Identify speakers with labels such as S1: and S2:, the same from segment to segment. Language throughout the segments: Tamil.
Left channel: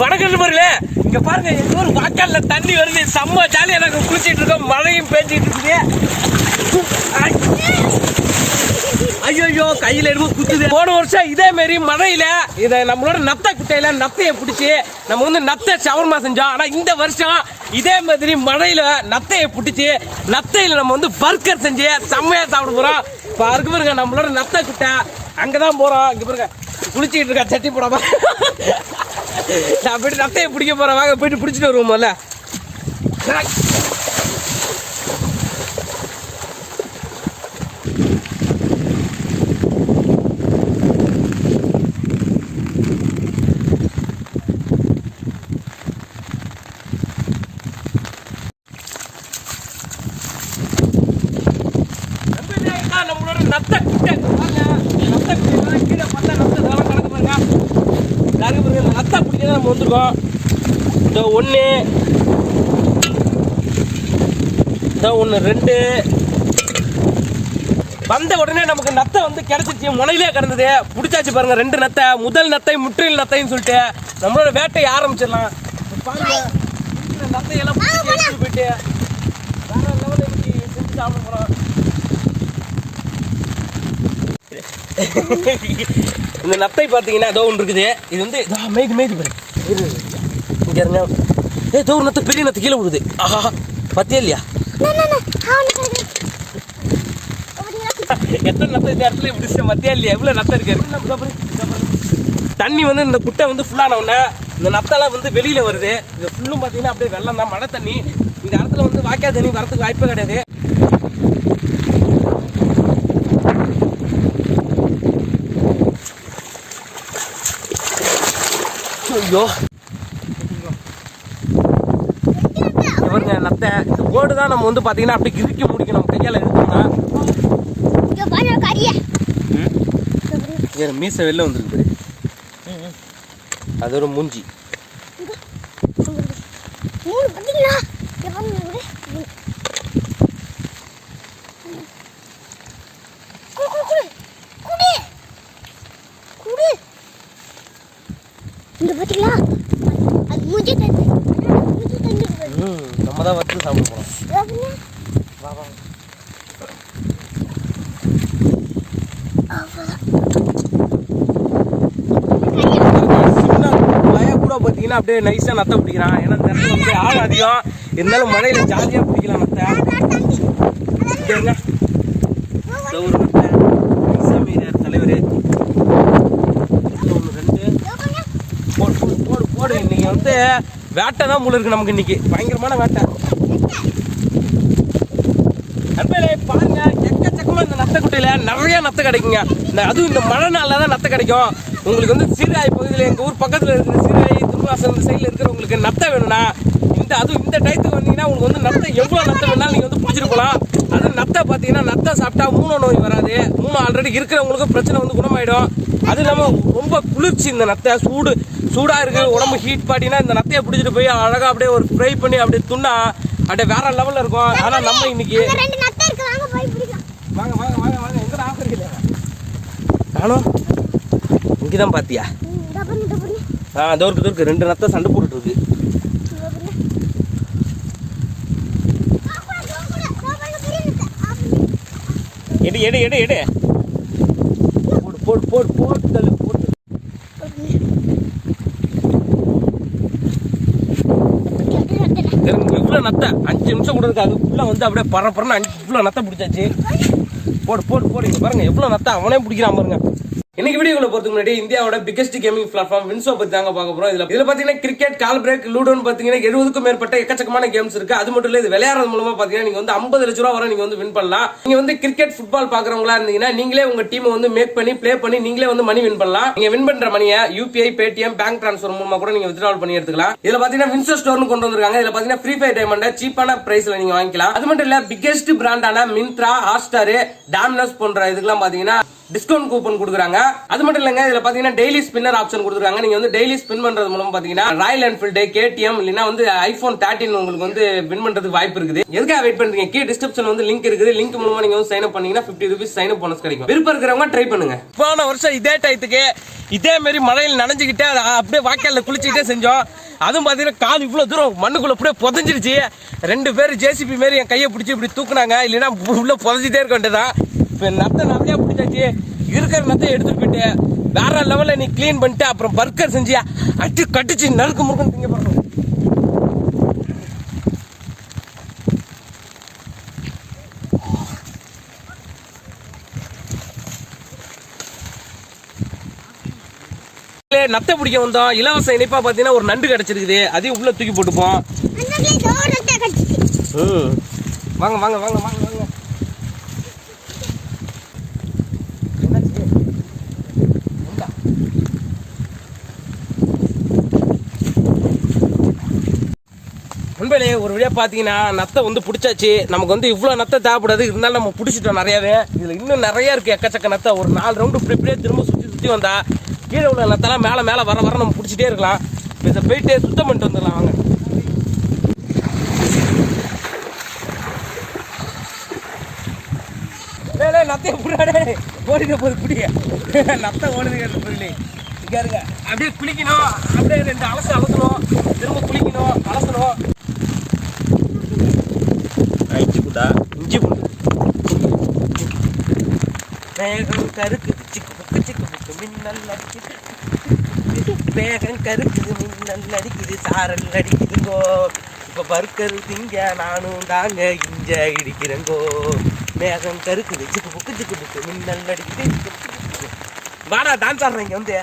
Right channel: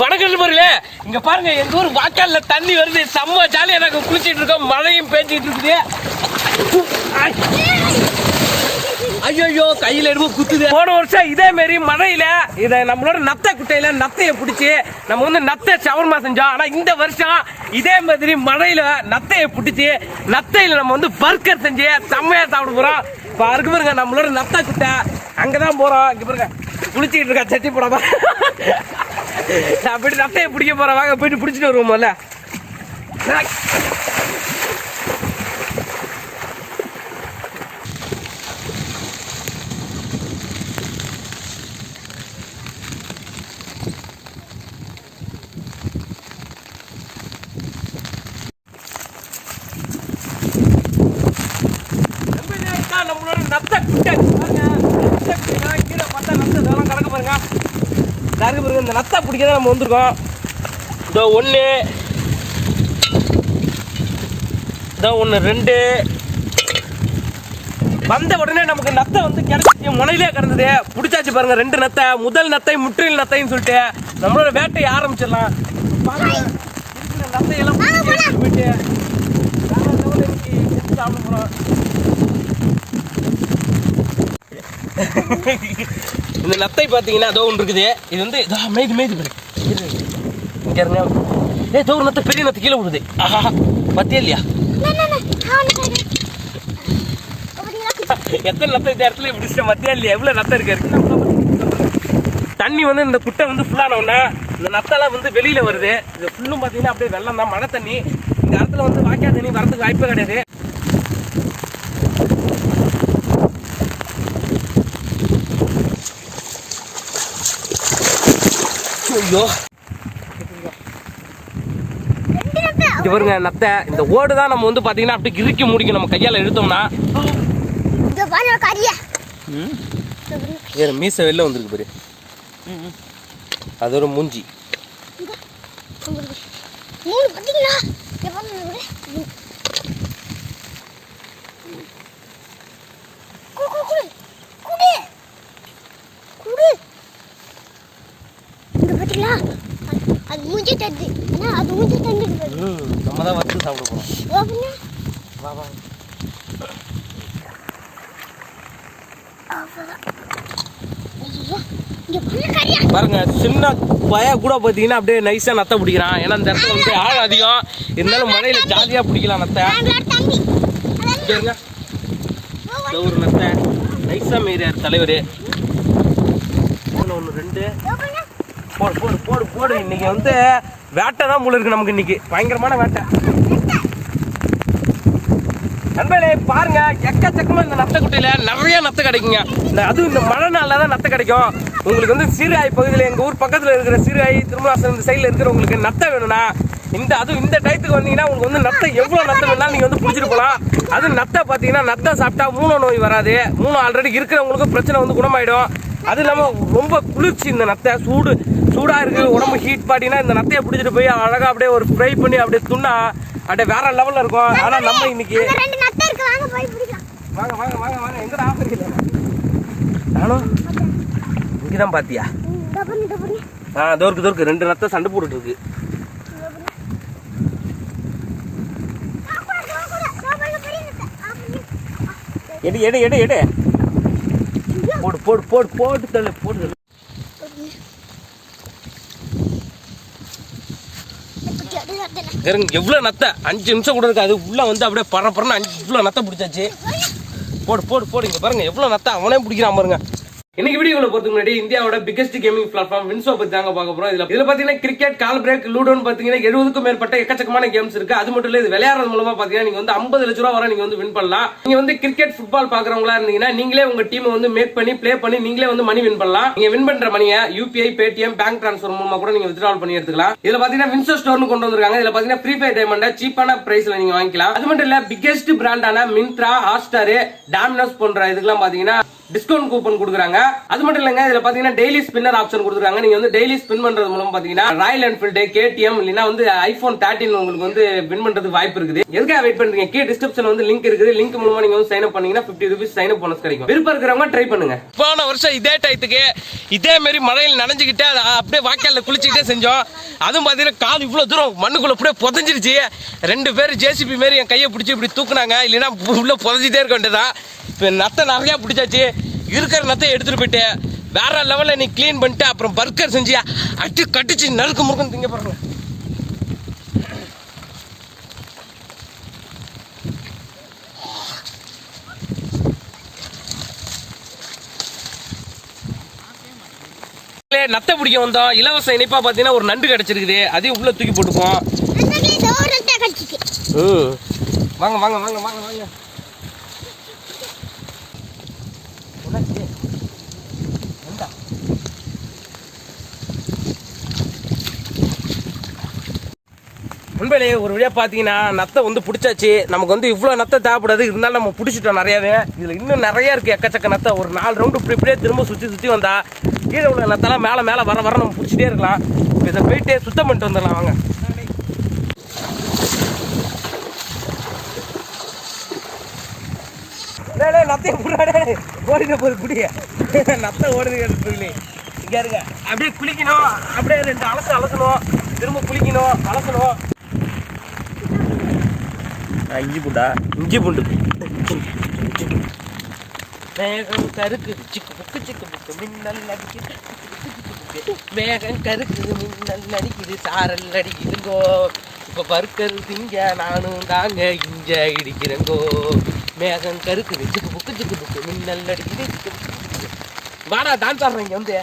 S1: வணக்கம் நண்பர்களே இங்க பாருங்க எங்க ஊர் வாக்கால்ல தண்ணி வருது. செம்ம ஜாலியா நாங்க குளிச்சிட்டு இருக்கோம். மழையும் பேஞ்சிட்டு இருக்குது. ஐயோ கையில எடுப்பு குத்துது. போன வருஷம் இதே மாதிரி மழையில இத நம்மளோட நத்தை குட்டையில நத்தைய பிடிச்சி நம்ம வந்து நத்தை சவர்மா செஞ்சோம். ஆனா இந்த வருஷம் இதே மாதிரி மழையில நத்தைய பிடிச்சி நத்தையில நம்ம வந்து பர்கர் செஞ்சு செம்மையா சாப்பிட போறோம். பாருங்க பாருங்க நம்மளோட நத்தை குட்டை. அங்கதான் போறோம். இங்க பாருங்க குளிச்சுக்கிட்டு இருக்கா சட்டி போடாம. நான் போயிட்டு நத்தையை பிடிக்க போகிறேன் வாங்க போயிட்டு பிடிச்சிட்டு வருவோம்ல நம்மளோட நத்தை குட்டை பாருங்க நத்தை குட்டை கீழே பார்த்தா நத்தை இதெல்லாம் கணக்கு பாருங்க கருக்கு பாருங்க இந்த நத்தை பிடிக்க தான் நம்ம வந்திருக்கோம். இதோ ஒன்று இதோ ஒன்று ரெண்டு. வந்த உடனே நமக்கு நத்தை வந்து கிடைச்சிச்சு. முனையிலே கிடந்தது. பிடிச்சாச்சு பாருங்க ரெண்டு நத்தை. முதல் நத்தை முற்றில் நத்தைன்னு சொல்லிட்டு. நம்மளோட வேட்டையை ஆரம்பிச்சிடலாம். பாருங்க நத்தையெல்லாம் போயிட்டு வேற லெவலில் இன்னைக்கு செஞ்சு சாப்பிட போகிறோம் இந்த நத்தை பார்த்தீங்கன்னா அதோ ஒன்று இருக்குது. இது வந்து இதோ மேய்து மேய்து பாரு. இங்க இருங்க. ஏ தோ ஒரு நத்தை பெரிய நத்தை கீழே விடுது ஆஹா பத்தியா இல்லையா? எத்தனை நத்தை இந்த இடத்துல பிடிச்சிட்ட மத்தியா இல்லையா? எவ்வளோ நத்தை இருக்கு? தண்ணி வந்து இந்த குட்டை வந்து ஃபுல்லான உடனே இந்த நத்தெல்லாம் வந்து வெளியில வருது. இது ஃபுல்லும் பார்த்தீங்கன்னா அப்படியே வெள்ளம் தான் மழை தண்ணி. இந்த இடத்துல வந்து வாய்க்கா தண்ணி வரதுக்கு வாய்ப்பே கிடையாது. ஐயோ. இவருங்க நத்தை இந்த ஓடு தான் நம்ம வந்து பாத்தீங்கன்னா அப்படியே இறுக்கி முடிக்கும். நம்ம கையால எடுத்தோம்னா வேற மீசை வெளில வந்துருக்கு பாரு. அது ஒரு மூஞ்சி
S2: மூணு பார்த்தீங்களா எப்போ மூணு குடு குடு குடு குடு இந்த பார்த்தீங்களா அது மூஞ்சி தந்து ஆனா அது மூஞ்சி தந்து
S1: ம் நம்ம தான் வச்சு சாப்பிட
S2: போகிறோம்
S1: வா வா. சின்ன பய கூட பார்த்தீங்கன்னா அப்படியே நைஸாக நத்தை பிடிக்கிறான். ஏன்னா இந்த இடத்துல வந்து ஆள் அதிகம். இருந்தாலும் மழையில் ஜாலியாக பிடிக்கலாம் நத்தை.
S2: தம்பி
S1: இங்க இருங்க ஒரு நத்தை. நைஸாக தலைவர். ஒன்று ரெண்டு. போடு போடு போடு போடு. இன்னைக்கு வந்து வேட்டை தான் முள்ள இருக்கு நமக்கு இன்னைக்கு. பயங்கரமான வேட்டை. நண்பர்களே பாருங்க எக்கச்சக்கமா இந்த நத்தை குட்டையில நிறைய நத்தை கிடைக்குங்க. இந்த அதுவும் இந்த மழை நாளில் தான் நத்தை கிடைக்கும். உங்களுக்கு வந்து சீராய் பகுதியில் எங்க ஊர் பக்கத்துல இருக்கிற சீராய் திருமணாசன் இந்த சைடுல இருக்கிறவங்களுக்கு நத்தை வேணும்னா இந்த அது இந்த டயத்துக்கு வந்தீங்கன்னா உங்களுக்கு வந்து நத்தை எவ்வளவு நத்தை வேணாலும் நீங்க வந்து பிடிச்சிட்டு போகலாம். அது நத்தை பார்த்தீங்கன்னா நத்தை சாப்பிட்டா மூணு நோய் வராது. மூணு ஆல்ரெடி இருக்கிறவங்களுக்கும் பிரச்சனை வந்து குணமாயிடும். அது இல்லாம ரொம்ப குளிர்ச்சி இந்த நத்தை. சூடு சூடா இருக்கு. உடம்பு ஹீட் பாட்டினா இந்த நத்தையை பிடிச்சிட்டு போய் அழகா அப்படியே ஒரு ஃப்ரை பண்ணி அப்படியே துண்ணா அப்படியே வேற லெவல்ல இருக்கும். ஆனா நம்ம இன்னைக்கு
S2: அங்க ரெண்டு நத்தை இருக்கு வாங்க போய் பிடிக்கலாம்
S1: வாங்க வாங்க வாங்க வாங்க. எங்கடா ஆஃபர் நானும் இங்கதான் பாத்தியா?
S2: பார்த்தியா
S1: ஆ தோருக்கு தோருக்கு ரெண்டு நத்தை சண்டை போட்டுட்டு இருக்கு. எடு எடு எடு எடு. போடு போடு போடு போட்டு தள்ளு போட்டு தள்ளு. நத்தை அஞ்சு நிமிஷம் கூட இருக்காது. உள்ளே வந்து அப்படியே பற அஞ்சு இவ்வளோ நத்தை பிடிச்சாச்சு. போடு போடு போடு. இங்கே பாருங்க எவ்வளோ நத்தா அவனே பிடிக்கிறான் பாருங்க. இன்னைக்கு வீடியோக்குள்ள பொறுத்து முன்னாடி இந்தியாவோட பிகஸ்ட் கேமிங் பிளாட்ஃபார்ம் வின்சோ பத்தி தாங்க பார்க்க போறோம். இதுல இதுல பாத்தீங்கன்னா கிரிக்கெட் கால் பிரேக் லூடோன்னு பாத்தீங்கன்னா எழுபதுக்கும் மேற்பட்ட எக்கச்சக்கமான கேம்ஸ் இருக்கு. அது மட்டும் இல்ல இது விளையாடுறது மூலமா பாத்தீங்கன்னா நீங்க வந்து ஐம்பது லட்ச ரூபா வரை நீங்க வந்து வின் பண்ணலாம். நீங்க வந்து கிரிக்கெட் ஃபுட்பால் பாக்குறவங்களா இருந்தீங்கன்னா நீங்களே உங்க டீம் வந்து மேக் பண்ணி ப்ளே பண்ணி நீங்களே வந்து மணி வின் பண்ணலாம். நீங்க வின் பண்ற மணியை யூபிஐ பேடிஎம் பேங்க் டிரான்ஸ்ஃபர் மூலமா கூட நீங்க வித்ட்ரால் பண்ணி எடுத்துக்கலாம். இதுல பாத்தீங்கன்னா வின்சோ ஸ்டோர்னு கொண்டு வந்திருக்காங்க. இதுல பாத்தீங்கன்னா ஃப்ரீ ஃபயர் டைமண்ட சீப்பான பிரைஸ்ல நீங்க வாங்கிக்கலாம். அது மட்டும் இல்ல பிகெஸ்ட் பிராண்டான மின்த்ரா ஹாட்ஸ்டார் டாமினோஸ் போன்ற இதுக்கெல்லாம் பாத்தீங்கன்னா டிஸ்கவுண்ட் கூப்பன் கொடுக்குறாங்க. அது மட்டும் இல்லைங்க இதுல பாத்தீங்கன்னா டெய்லி ஸ்பின்னர் ஆப்ஷன் கொடுக்குறாங்க. நீங்க வந்து டெய்லி ஸ்பின் பண்றது மூலம் பாத்தீங்கன்னா ராயல் என்ஃபீல்டு கேடிஎம் இல்லைன்னா வந்து ஐபோன் தேர்ட்டின் உங்களுக்கு வந்து வின் பண்றதுக்கு வாய்ப்பு இருக்குது. எதுக்காக வெயிட் பண்றீங்க? கீழே டிஸ்கிரிப்ஷன் வந்து லிங்க் இருக்குது. லிங்க் மூலமா நீங்க வந்து சைன் அப் பண்ணீங்கன்னா fifty rupees sign up bonus கிடைக்கும். விருப்பம் இருக்கிறவங்க ட்ரை பண்ணுங்க. போன வருஷம் இதே டயத்துக்கு இதே மாதிரி மழையில் நனைஞ்சுக்கிட்டே அதை அப்படியே வாய்க்காலில் குளிச்சுக்கிட்டே செஞ்சோம். அதுவும் பார்த்தீங்கன்னா கால் இவ்வளோ தூரம் மண்ணுக்குள்ள அப்படியே புதஞ்சிருச்சு. ரெண்டு பேர் ஜேசிபி மாரி என் கையை பிடிச்சி இப்படி தூக்குனாங்க. இல்லைன்னா உள்ள புதஞ்சிட்டே இருக்க வேண்டியதான் இப்போ நத்தை நிறையா பிடிச்சாச்சு. இருக்கிற நத்தை எடுத்துட்டு போயிட்டு வேற லெவலில் நீ க்ளீன் பண்ணிட்டு அப்புறம் பர்கர் செஞ்சு அடி கட்டிச்சு நறுக்கு முறுக்குன்னு திங்க பாருங்க நத்தை பிடிக்க வந்தோம். இலவச இனிப்பா பார்த்தீங்கன்னா ஒரு நண்டு கிடைச்சிருக்குது. அதையும் உள்ள தூக்கி போட்டுப்போம். வாங்க வாங்க வாங்க வாங்க வாங்க நண்பர்களே ஒரு வழியாக பார்த்தீங்கன்னா நத்தை வந்து பிடிச்சாச்சு. நமக்கு வந்து இவ்வளோ நத்தை தேவைப்படாது. இருந்தாலும் நம்ம பிடிச்சிட்டோம் நிறையாவே. இதில் இன்னும் நிறையா இருக்குது எக்கச்சக்க நத்தை. ஒரு நாலு ரவுண்டு இப்படி இப்படியே திரும்ப சுற்றி சுற்றி வந்தா கீழே உள்ள நத்தெல்லாம் மேலே மேலே வர வர நம்ம பிடிச்சிட்டே இருக்கலாம். இப்போ இதை போயிட்டு சுத்தம் பண்ணிட்டு வந்துடலாம். வாங்க. டேய் டேய் ஓடின போது புடிய நத்தை ஓடுது சொல்லி இங்க இருங்க. அப்படியே குளிக்கணும். அப்படியே ரெண்டு அலசு அலசணும். திரும்ப குளிக்கணும். அலசணும்.
S3: இஞ்சி பூண்டா?
S1: இஞ்சி பூண்டு. மேகம் கருக்குது. சிக்கு புக்கு சிக்கு புக்கு மின்னல் அடிக்குது. மேகம் கருக்குது மின்னல் அடிக்குது சாரல் அடிக்குதுங்கோ இப்போ பர்க்கர் திங்க நானும் தாங்க இஞ்ச இடிக்கிறேங்கோ மேகம் கருக்குது. சிக்கு புக்கு சிக்கு புக்கு மின்னல் அடிக்குது வாடா டான்ஸ் ஆடுறேன் இங்கே வந்து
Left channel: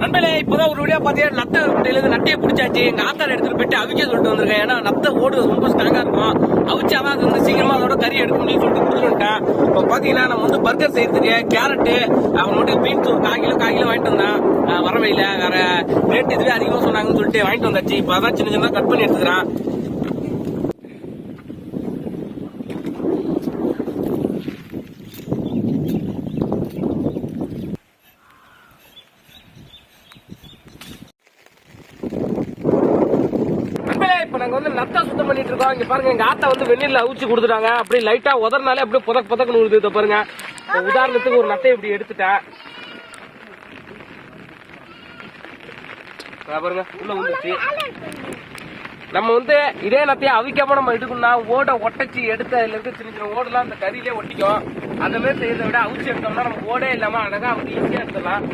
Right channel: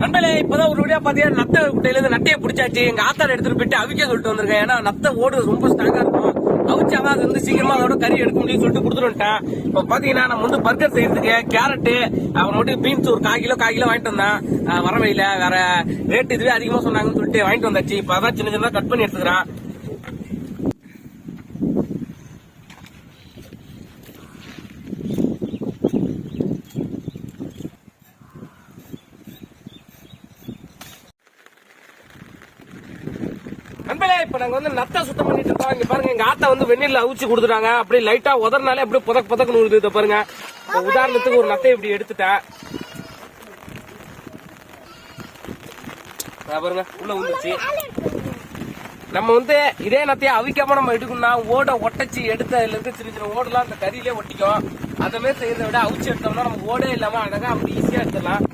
S1: நண்பர்களே இப்பதான் ஒரு வழியா பாத்தீங்கன்னா நத்த குட்டையில இருந்து நட்டையை பிடிச்சாச்சு. எங்க ஆத்தாட எடுத்துட்டு போயிட்டு அவிக்க சொல்லிட்டு வந்திருக்கேன். ஏன்னா நத்த ஓடு ரொம்ப ஸ்ட்ராங்கா இருக்கும். அவிச்சாதான் அது வந்து சீக்கிரமா அதோட கறி எடுக்க முடியும் சொல்லிட்டு கொடுத்துருட்டேன் இப்போ பாத்தீங்கன்னா நம்ம வந்து பர்கர் செய்யறதுக்கு கேரட்டு அவன் மட்டும் பீன்ஸ் ஒரு கால் கிலோ கால் கிலோ வாங்கிட்டு வந்தான். வரவையில வேற ரேட் இதுவே அதிகமா சொன்னாங்கன்னு சொல்லிட்டு வாங்கிட்டு வந்தாச்சு. இப்போ அதான் சின்ன சின்ன கட் பண்ணி எடுத்துக்கிறான் நண்பர்களே இப்போ நாங்கள் வந்து நத்தா சுத்தம் பண்ணிட்டு இருக்கோம். இங்கே பாருங்க எங்கள் ஆத்தா வந்து வெந்நீர்ல அவிச்சு கொடுத்துட்டாங்க. அப்படி லைட்டாக உதறனாலே அப்படியே புதக் புதக்கணும் விழுது இதை பாருங்க. உதாரணத்துக்கு ஒரு நத்தை இப்படி எடுத்துட்டேன். பாருங்க உள்ள வந்துச்சு. நம்ம வந்து இதே நத்தையை அவிக்காம நம்ம எடுக்கணும்னா ஓடை ஒட்டச்சு எடுத்து அதுல சின்ன சின்ன ஓடெல்லாம் அந்த கறியிலே ஒட்டிக்கும். அந்த மாதிரி செய்யறதை விட அவிச்சு எடுத்தோம்னா நம்ம ஓடே இல்லாம அழகா அப்படி ஈஸியா எடுத்துடலாம்.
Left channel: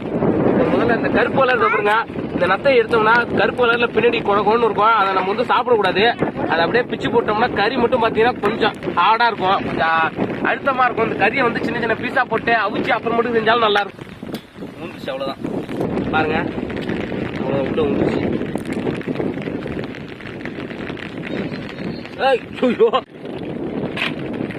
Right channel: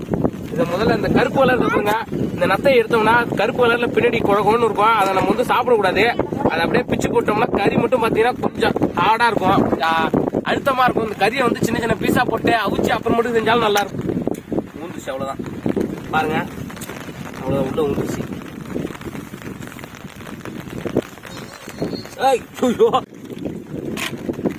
S1: முதல்ல இந்த கருப்பு கலர் பாருங்க. இந்த நத்தை எடுத்தோம்னா கருப்பு கலர்ல பின்னாடி குழகம்னு இருக்கும். அதை நம்ம வந்து சாப்பிடக்கூடாது. அதை அப்படியே பிச்சு போட்டோம்னா கறி மட்டும் பாத்தீங்கன்னா கொஞ்சம் ஹார்டா இருக்கும். அழுத்தமா இருக்கும். இந்த கறியை வந்து சின்ன சின்ன பீஸா போட்டு அவிச்சு அப்புறம் மட்டும் செஞ்சாலும் நல்லா இருக்கும். மூந்துச்சு அவ்வளவுதான். பாருங்க. அவ்வளவு உள்ள ஊந்துச்சு ஐயோ.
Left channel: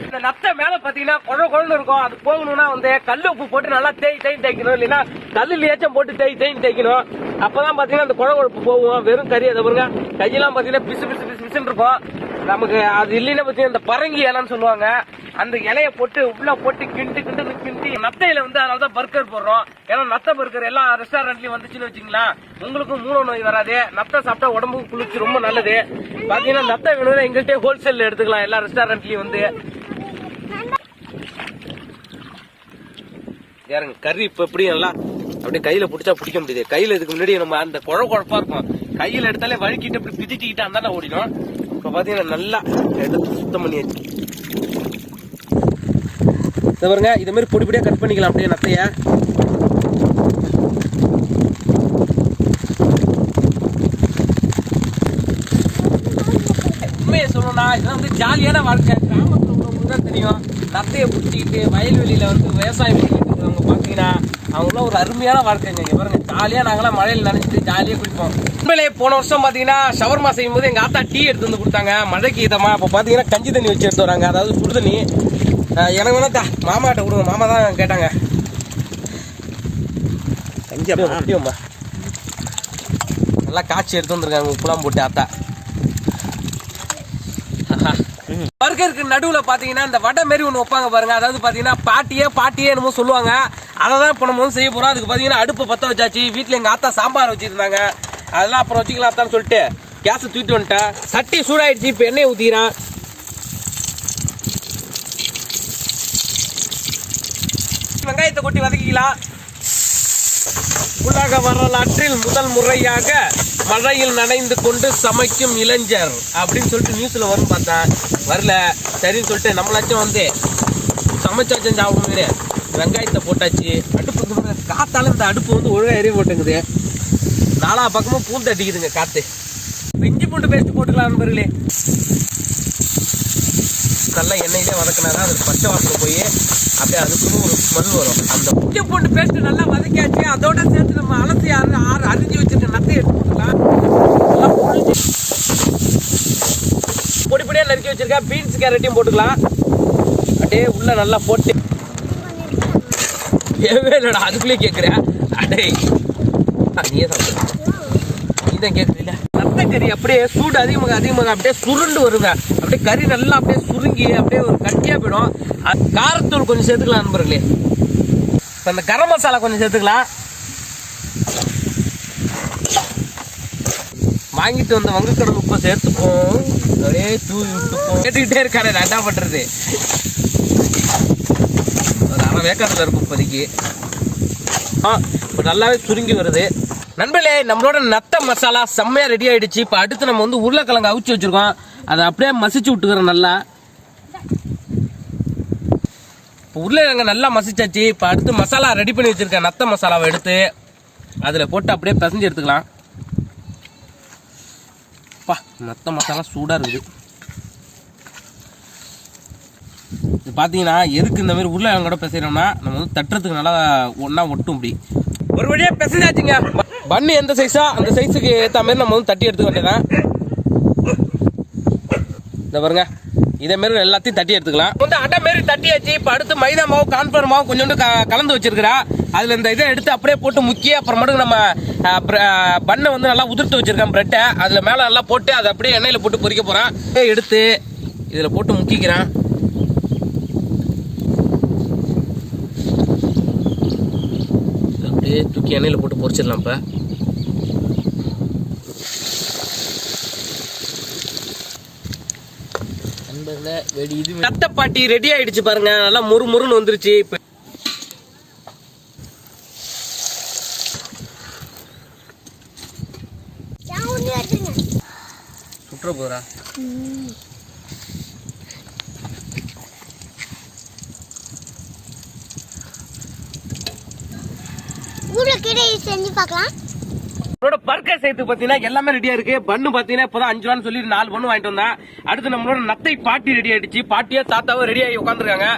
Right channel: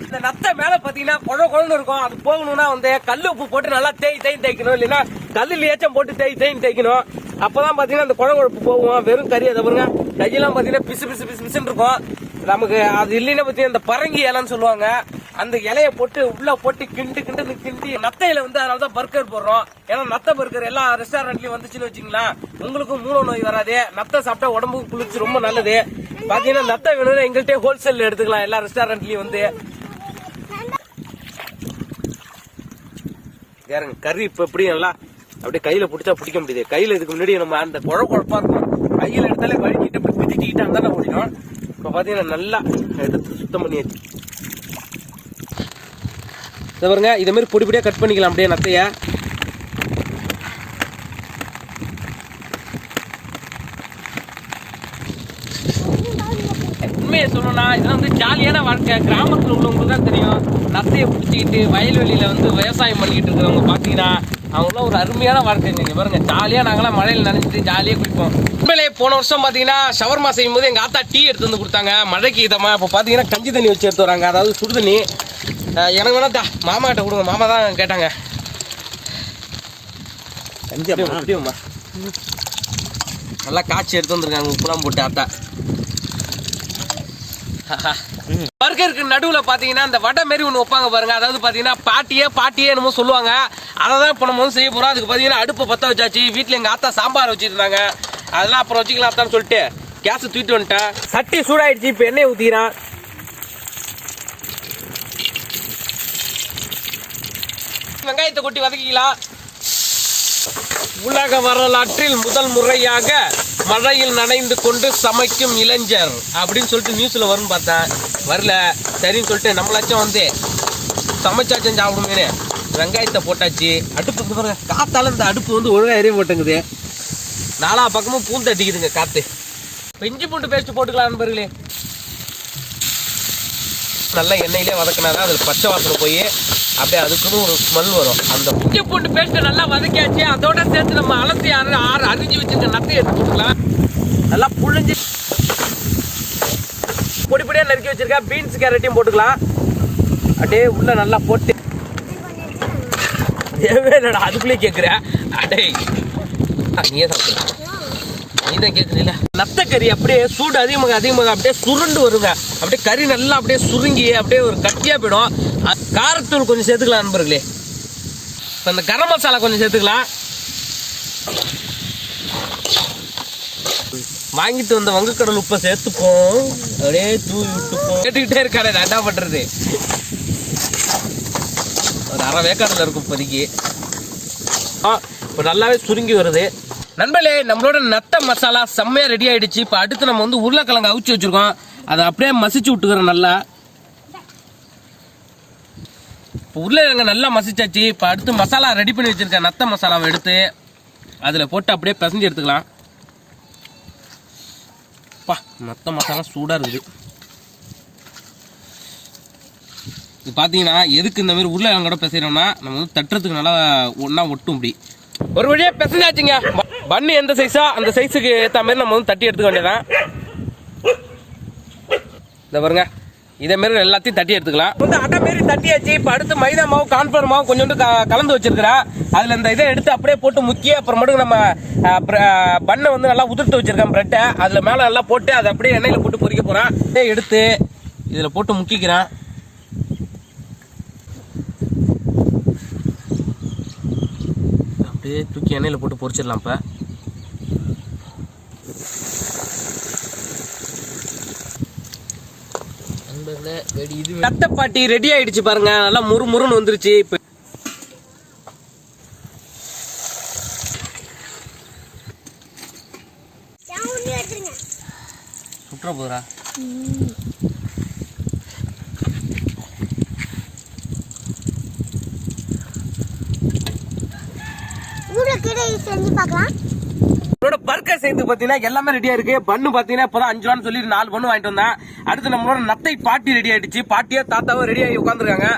S1: இந்த நத்தை மேல பாத்தீங்கன்னா குழ குழன்னு இருக்கும். அது போகணும்னா வந்து கல் உப்பு போட்டு நல்லா தேய் தேய் தேய்க்கணும் இல்லைன்னா கல்லில் ஏச்சம் போட்டு தேய் தேய் தேய்க்கணும். அப்பதான் பாத்தீங்கன்னா அந்த குழ குழப்பு போகும். வெறும் கறி அதை பாருங்க. கையெல்லாம் பாத்தீங்கன்னா பிசு பிசு பிசு பிசுன்னு இருக்கும். நமக்கு அது இல்லைன்னா பாத்தீங்கன்னா இந்த பரங்கி இலைன்னு சொல்லுவாங்க. அந்த இலைய போட்டு உள்ள போட்டு கிண்டு கிண்டு கிண்டி நத்தையில வந்து அதனால தான் பர்கர் போடுறோம். ஏன்னா நத்தை பர்கர் எல்லா ரெஸ்டாரண்ட்லயும் வந்துச்சுன்னு வச்சுங்களா உங்களுக்கும் மூல நோய் வராது. நத்தை சாப்பிட்டா உடம்புக்கு குளிர்ச்சி ரொம்ப நல்லது. பாத்தீங்கன்னா நத்தை வேணும்னா எங்கள்கிட்ட ஹோல்சேல்ல எடுத்துக்கலாம். எல்லா ரெஸ்டாரண்ட்லயும் வந்து. யாருங்க? கறி இப்ப எப்படி நல்லா அப்படியே கையில பிடிச்சா பிடிக்க முடியுது. கையில இதுக்கு முன்னாடி நம்ம அந்த குழ குழப்பா இருக்கும். கையில எடுத்தாலே வழுக்கிட்டு அப்படி பிதிச்சுக்கிட்டு அந்த ஓடிடும். இப்ப பாத்தீங்கன்னா நல்லா எடுத்து சுத்தம் பண்ணியாச்சு இதை பாருங்க இதே மாதிரி பொடி கட் பண்ணிக்கலாம் அப்படியே நத்தைய. உண்மையை சொல்லணும்னா இதெல்லாம் வந்து ஜாலியான வாழ்க்கை. கிராமத்தில் உள்ளவங்களுக்கு தான் தெரியும். நத்தையை பிடிச்சிக்கிட்டு வயல்வெளியில வந்து விவசாயம் பண்ணிட்டு இருக்கிறவங்க பாத்தீங்கன்னா அவங்களாம் ஒரு அருமையான வாழ்க்கைங்க இங்க பாருங்க. ஜாலியா நாங்களாம் மழையில நனைஞ்சிட்டு ஜாலியா குடிப்போம் உண்மையிலே போன வருஷம் பாத்தீங்கன்னா ஷவர்மா செய்யும் போது எங்க ஆத்தா டீ எடுத்து வந்து கொடுத்தாங்க. மழைக்கு இதமா இப்போ பாத்தீங்கன்னா கஞ்சி தண்ணி வச்சு எடுத்து வராங்க. அதாவது சுடு தண்ணி. எனக்கு வேணா தா மாமா கிட்ட கொடுங்க. மாமா தான் கேட்டாங்க.
S3: கஞ்சியம்மா
S1: குடியோம்மா. நல்லா காய்ச்சி எடுத்து வந்திருக்காங்க. உப்புலாம் போட்டு ஆத்தா. பர்கருக்கு நடுவுல பாத்தீங்கன்னா இந்த வடை மாரி ஒன்று வைப்பாங்க பாருங்க. அதாவது பாத்தீங்கன்னா பாட்டியே பாட்டியே என்னமோ சொல்லுவாங்க. அதை தான் இப்போ நம்ம வந்து செய்ய போகிறோம் அதுக்கு பார்த்தீங்கன்னா அடுப்பு பற்ற வச்சாச்சு. வீட்டில் எங்கள் ஆத்தா சாம்பார் வச்சுருந்தாங்க. அதெல்லாம் அப்புறம் வச்சுக்கலாம் ஆத்தான்னு சொல்லிட்டு கேஸை தூக்கிட்டு வந்துட்டேன். சட்டி சூடாயிடுச்சு. இப்போ எண்ணெய் ஊற்றிக்கிறேன் வெங்காயத்தை கொட்டி வதக்கிக்கலாம். உலக வரலாற்றில் முதல் முறையாக மழையில் நனைந்து கொண்டு சமைக்கும் இளைஞர் அப்படின்னு சொல்லிட்டு நியூஸில் வரும் பார்த்தேன். வரல. சரின்னு சொல்லிட்டு நம்மளாச்சும் வந்து சமைச்சாச்சும் சாப்பிடுங்க வெங்காயத்தை போட்டாச்சு. அடுப்பு பாருங்க காத்தால இந்த அடுப்பு வந்து ஒழுங்காக எரிய போட்டுங்குது நாலா பக்கமும் பூந்து அடிக்குதுங்க காத்து. இப்ப இஞ்சி பூண்டு பேஸ்ட் போட்டுக்கலாம் நண்பர்களே. நல்லா எண்ணெயிலே வதக்கினாதான் அதில் பச்சை வாசனை போய் அப்படியே அதுக்குன்னு ஒரு ஸ்மெல் வரும். அந்த இஞ்சி பூண்டு பேஸ்ட்டு நல்லா வதக்கியாச்சு அதோட சேர்த்து நம்ம அலசி அரை ஆறு அரிஞ்சு வச்சிருக்க நத்தை எடுத்து போட்டுக்கலாம் நல்லா புழிஞ்சு பொடி பொடியாக நறுக்கி வச்சுருக்கேன் பீன்ஸ் கேரட்டையும் போட்டுக்கலாம். அப்படியே உள்ளே நல்லா போட்டு ஏவே இல்லைடா அதுக்குள்ளே கேட்குறேன் அடே நீயே சாப்பிடலாம் நீ தான் கேட்குறீல ரத்த கறி அப்படியே சூடு அதிகமாக அதிகமாக அப்படியே சுருண்டு வருவேன் அப்படியே கறி நல்லா அப்படியே சுருங்கி அப்படியே ஒரு கட்டியாக போயிடும். அது காரத்தூள் கொஞ்சம் சேர்த்துக்கலாம் நண்பர்களே. இப்போ அந்த கரம் மசாலா கொஞ்சம் சேர்த்துக்கலாம். வாங்கிட்டு வந்த வங்கக்கடல் உப்பை சேர்த்துப்போம். அப்படியே தூவி விட்டுப்போம். கேட்டுக்கிட்டே இருக்காரு நான் என்ன பண்ணுறது ஒரு வேக்காடில் இருக்கும் இப்போதைக்கு. ஆ இப்போ நல்லாவே சுருங்கி வருது. நண்பர்களே நம்மளோட நத்த மசாலா செம்மையாக ரெடி ஆகிடுச்சு இப்போ அடுத்து நம்ம வந்து உருளைக்கிழங்கு அவிச்சு வச்சிருக்கோம். அதை அப்படியே மசிச்சு விட்டுக்கிறோம் நல்லா. இப்போ உருளைக்கிழங்கு நல்லா மசிச்சாச்சு. இப்போ அடுத்து மசாலா ரெடி பண்ணி வச்சிருக்கேன் நத்த மசாலாவை எடுத்து அதில் போட்டு அப்படியே பிசைஞ்சு எடுத்துக்கலாம். பா நத்த மசாலா சூடாக இருக்குது. இது பார்த்தீங்கன்னா எதுக்கு இந்த மாதிரி உருளைக்கிழங்கோட பிசைறோம்னா நம்ம வந்து தட்டுறதுக்கு நல்லா ஒன்றா ஒட்டும் இப்படி. ஒரு வழியாக பிசைஞ்சாச்சுங்க. பண்ணு எந்த சைஸா அந்த சைஸுக்கு ஏற்ற மாதிரி நம்ம வந்து தட்டி எடுத்துக்க வேண்டியதான் இந்த பாருங்க. இதே மாதிரி எல்லாத்தையும் தட்டி எடுத்துக்கலாம். வந்து அட்டை மாரி தட்டியாச்சு. இப்போ அடுத்து மைதா மாவு கான்ஃபர் மாவு கொஞ்சோண்டு கலந்து வச்சிருக்கிறா. அதில் இந்த இதை எடுத்து அப்படியே போட்டு முக்கிய அப்புறமேட்டு நம்ம பண்ணை வந்து நல்லா உதிர்த்து வச்சிருக்கேன் பிரெட்டை. அதில் மேலே நல்லா போட்டு அதை அப்படியே எண்ணெயில் போட்டு பொறிக்க போகிறேன் எடுத்து இதில் போட்டு முக்கிக்கிறேன். அப்படியே தூக்கி எண்ணெயில் போட்டு பொரிச்சிடலாம் இப்போ. தட்டப்பாட்டி ரெடி ஆயிடுச்சு பாருங்க. நல்லா முறு முறுன்னு வந்துருச்சு இப்போ. சுற்ற போகிறா
S2: உருளைக்கீரை செஞ்சு பார்க்கலாம்.
S1: நம்மளோட பர்கர் சேர்த்து பார்த்தீங்கன்னா எல்லாமே ரெடியாக இருக்கு. பண்ணு பார்த்தீங்கன்னா இப்போ அஞ்சு ரூபான்னு சொல்லி நாலு பண்ணு வாங்கிட்டு வந்தேன். அடுத்து நம்மளோட நத்தை பாட்டி ரெடி ஆயிடுச்சு. பாட்டியா தாத்தாவும் ரெடி ஆகி உட்காந்துருக்காங்க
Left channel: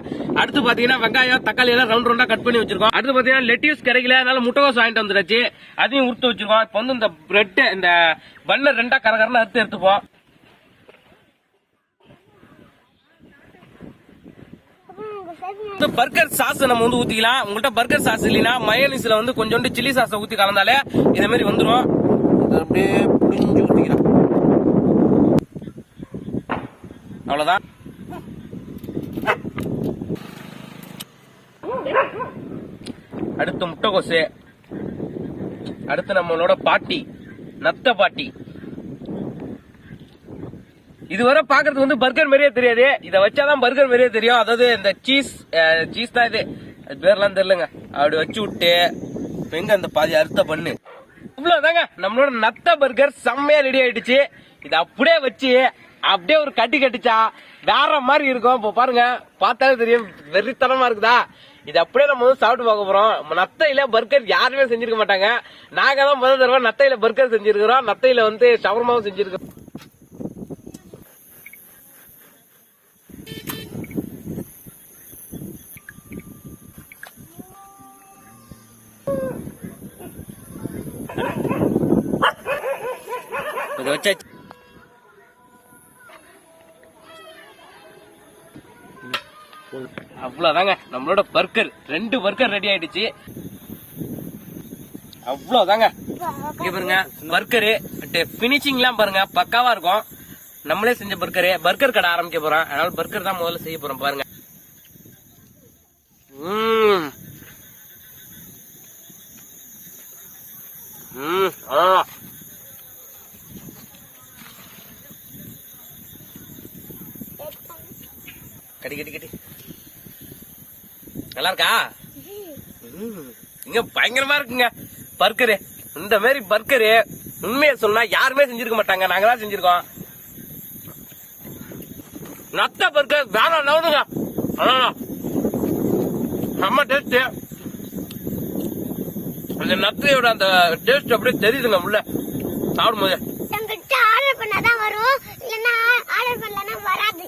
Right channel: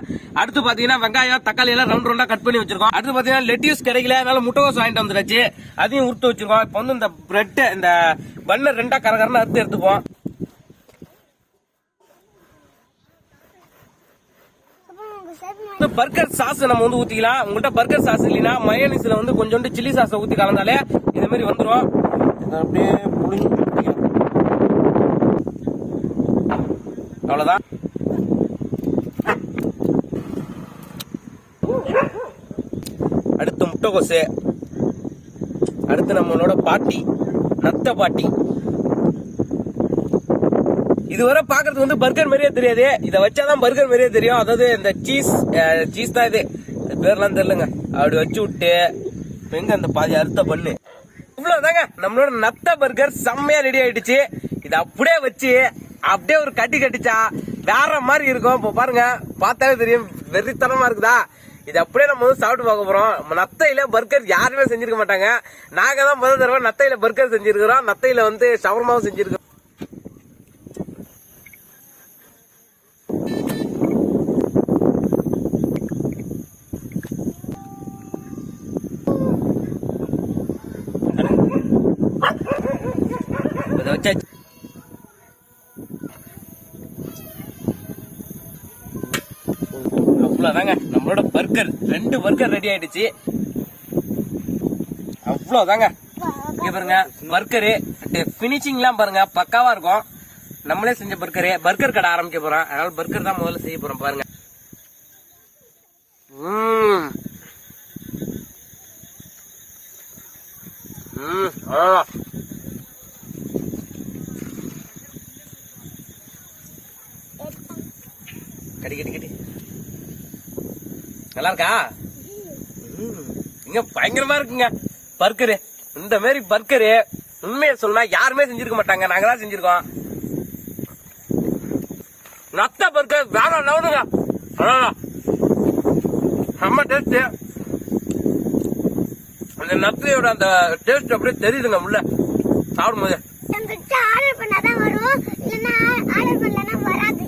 S1: அடுத்து பார்த்தீங்கன்னா வெங்காயம் தக்காளி எல்லாம் ரவுண்ட் ரவுண்டா கட் பண்ணி வச்சிருக்கோம். அடுத்து பார்த்தீங்கன்னா லெட்டியூஸ் கிடைக்கல அதனால முட்டைகோஸ் வாங்கிட்டு வந்துருச்சு அதையும் உருட்டு வச்சிருக்கோம். இப்போ வந்து இந்த பிரெட் இந்த பண்ணை ரெண்டா கரகரன்னு அறுத்து எடுத்துப்போம்
S2: அப்புறம் உங்க சைடு
S1: இந்த பர்கர் சாஸ் நம்ம வந்து ஊத்திக்கலாம் உங்கள்கிட்ட பர்கர் சாஸ் இல்லைன்னா மயனிஸ்ல வந்து கொஞ்சோண்டு சில்லி சாஸை ஊத்தி கலந்தாலே இதே மாதிரி வந்துடும் அப்படியே புடிஞ்சு அவ்வளோதான் அடுத்து முட்டைகோசு. அடுத்து நம்மளோட பாட்டி நத்த பாட்டி. இதுவரை பாக்குறது வந்து பர்கர் மாதிரியே தெரியாது. இதை வச்சாதான் பர்கர் மாதிரியே தெரியும். அதாவது இந்த சீஸ் சீஸ் தான் இது. பேர்லாம் தெரியலங்க. அப்படி வச்சு விட்டு எங்க அந்த பாதி அறுத்த பண்ணு. இவ்வளவுதாங்க. நம்மளோட நத்த பர்கர் செம்மையா ரெடி ஆயிடுச்சு. இதை அப்படியே வச்சு அப்படியே ஒரு கட்டி கட்டிச்சா வேற மாதிரி இருக்கும். இப்போ பாருங்க பார்த்தாலே தெரியும். வெறித்தனமா இருக்குதா? இது அப்படியே நம்ம வந்து சாப்பிட்டு பார்க்க போறோம். நத்தையில பர்கர் யாருமே செஞ்சிருக்க மாட்டாங்க. நாங்க தான் முதல் தடவை நத்தையில பர்கர் செஞ்சிருக்கிறோம். நத்தையில வந்து ஷவர்மாவும் செஞ்சிருக்கோம். அவ்வளோதாங்க நம்மளோட பர்கர் ரெண்டு பர்கர் ரெடி ஆயிடுச்சு. அவ்வளோதாங்க இங்கே பாருங்க பர்கரு ஃபினிஷிங்லாம் பாருங்க பக்காவா இருக்கும். நம்மளே செஞ்ச பர்கரு பர்கர் கடை ஆரம்பிக்க போகிறோம் அதனால பர்கர் தான் முதல்ல செய்ய போறோம் பாருங்க ம். ம், ஆ. கடி கடி கடி நல்லா இருக்கா. இங்க பயங்கரமா இருக்குங்க. பர்கரு. இந்த மாதிரி பர்கரு உண்மையை சொன்னா யாருமே செஞ்சிருக்க மாட்டாங்க. நாங்க தான் செஞ்சிருக்கோம். நத்த பர்கர் வேற லெவலுங்க அதான் செம்ம டேஸ்ட் அந்த நத்தையோட அந்த டேஸ்ட் அப்படியே தெரியுதுங்க உள்ள. சாப்பிடும்போது.
S2: எங்கிட்ட ஆர்டர் பண்ணாதான் வரும். இல்லைன்னா ஆர்டர் பண்ணலன்னா வராது.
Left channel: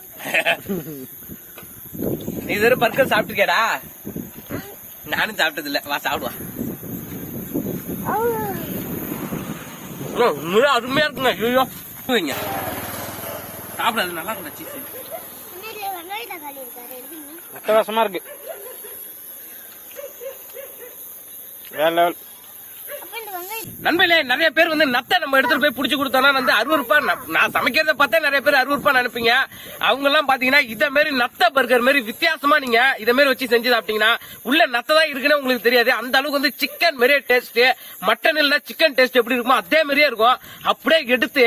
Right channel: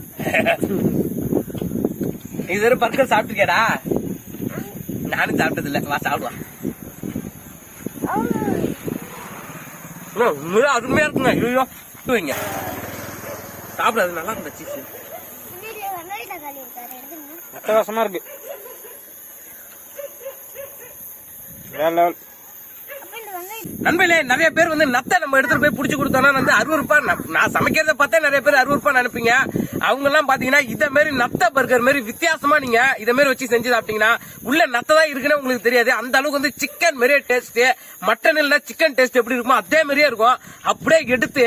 S1: நீ இது பர்கர் சாப்பிட்டுருக்கேடா நானும் சாப்பிட்டது இல்ல வா சாப்பிடுவா. உண்மையா அருமையா இருக்குங்க. ஐயோ வைங்க சாப்பிடாது நல்லா இருக்குங்க சீஸ்
S3: அட்டகாசமா இருக்கு. வேற லெவல்
S1: நண்பர்களே நிறைய பேர் வந்து நத்தை நம்ம எடுத்துட்டு போய் புடிச்சு கொடுத்தோம்னா வந்து அறுவறுப்பா நான் சமைக்கிறத பார்த்தா நிறைய பேர் அறுவறுப்பா நினைப்பீங்க. அவங்க எல்லாம் பாத்தீங்கன்னா இத மாதிரி நத்த பர்கர் மாதிரி வித்தியாசமா நீங்க இத மாதிரி வச்சு செஞ்சு சாப்பிட்டீங்கன்னா உள்ள நத்தை தான் இருக்குன்னு உங்களுக்கு தெரியாது. அந்த அளவுக்கு வந்து சிக்கன் மாதிரியே டேஸ்ட் மட்டன் இல்ல சிக்கன் டேஸ்ட் எப்படி இருக்குமோ அதே மாதிரியே இருக்கும். அப்படியே எடுத்து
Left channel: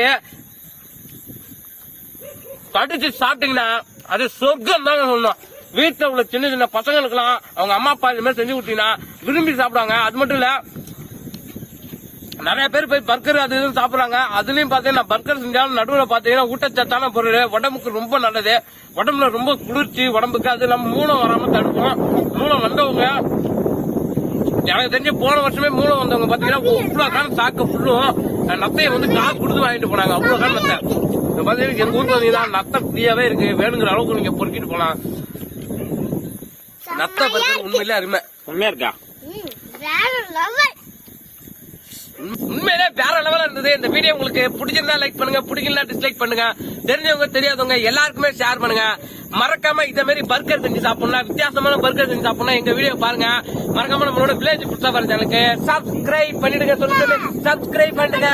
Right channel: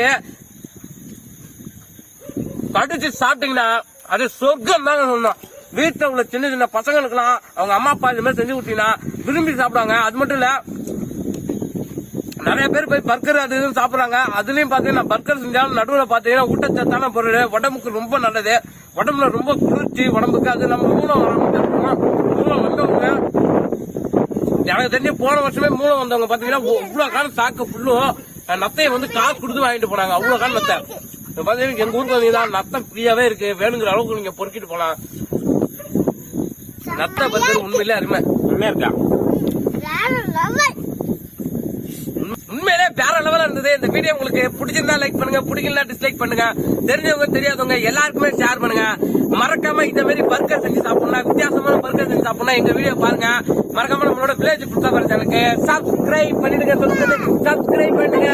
S1: கடிச்சு சாப்பிட்டீங்கன்னா அது சொர்க்கம் தாங்க சொல்லணும். வீட்டுல உள்ள சின்ன சின்ன பசங்களுக்கெல்லாம் அவங்க அம்மா அப்பா இந்த மாதிரி செஞ்சு கொடுத்தீங்கன்னா விரும்பி சாப்பிடுவாங்க. அது மட்டும் இல்ல நிறைய பேர் போய் பர்கர் அது இதுன்னு சாப்பிடுறாங்க. அதுலயும் பாத்தீங்கன்னா பர்கர் செஞ்சாலும் நடுவில் பாத்தீங்கன்னா ஊட்டச்சத்தான பொருள். உடம்புக்கு ரொம்ப நல்லது. உடம்புல ரொம்ப குளிர்ச்சி உடம்புக்கு அது நம்ம மூலம் வராம தடுப்போம் மூலம் வந்தவங்க எனக்கு தெரிஞ்சு போன வருஷமே மூலம் வந்தவங்க பாத்தீங்கன்னா இவ்வளவு காலம் தாக்க ஃபுல்லும் நத்தையை வந்து காசு கொடுத்து வாங்கிட்டு போனாங்க. அவ்வளவு காலம் நத்தை. இந்த பாத்தீங்கன்னா எங்க ஊருக்கு வந்தீங்கன்னா நத்தை ஃப்ரீயாவே இருக்கு. வேணுங்கிற அளவுக்கு நீங்க பொறுக்கிட்டு போலாம். நத்தை பத்தி உண்மையிலே அருமை.
S3: உண்மையா இருக்கா
S2: வேற லெவல்
S1: உண்மையிலே வேற லெவலா இருந்தது. இந்த வீடியோ உங்களுக்கு பிடிச்சிருந்தா லைக் பண்ணுங்க பிடிக்கல டிஸ்லைக் பண்ணுங்க தெரிஞ்சவங்க தெரியாதவங்க எல்லாருக்குமே ஷேர் பண்ணுங்க. மறக்காம இந்த மாதிரி பர்கர் செஞ்சு சாப்பிடலாம் வித்தியாசமான பர்கர் செஞ்சு சாப்பிடலாம் எங்க வீடியோ பாருங்க. மறக்காம நம்மளோட வில்லேஜ் புட்சா சேனலுக்கு சப்ஸ்கிரைப் பண்ணிடுங்க சொல்லுங்க சப்ஸ்கிரைப் பண்ணுங்க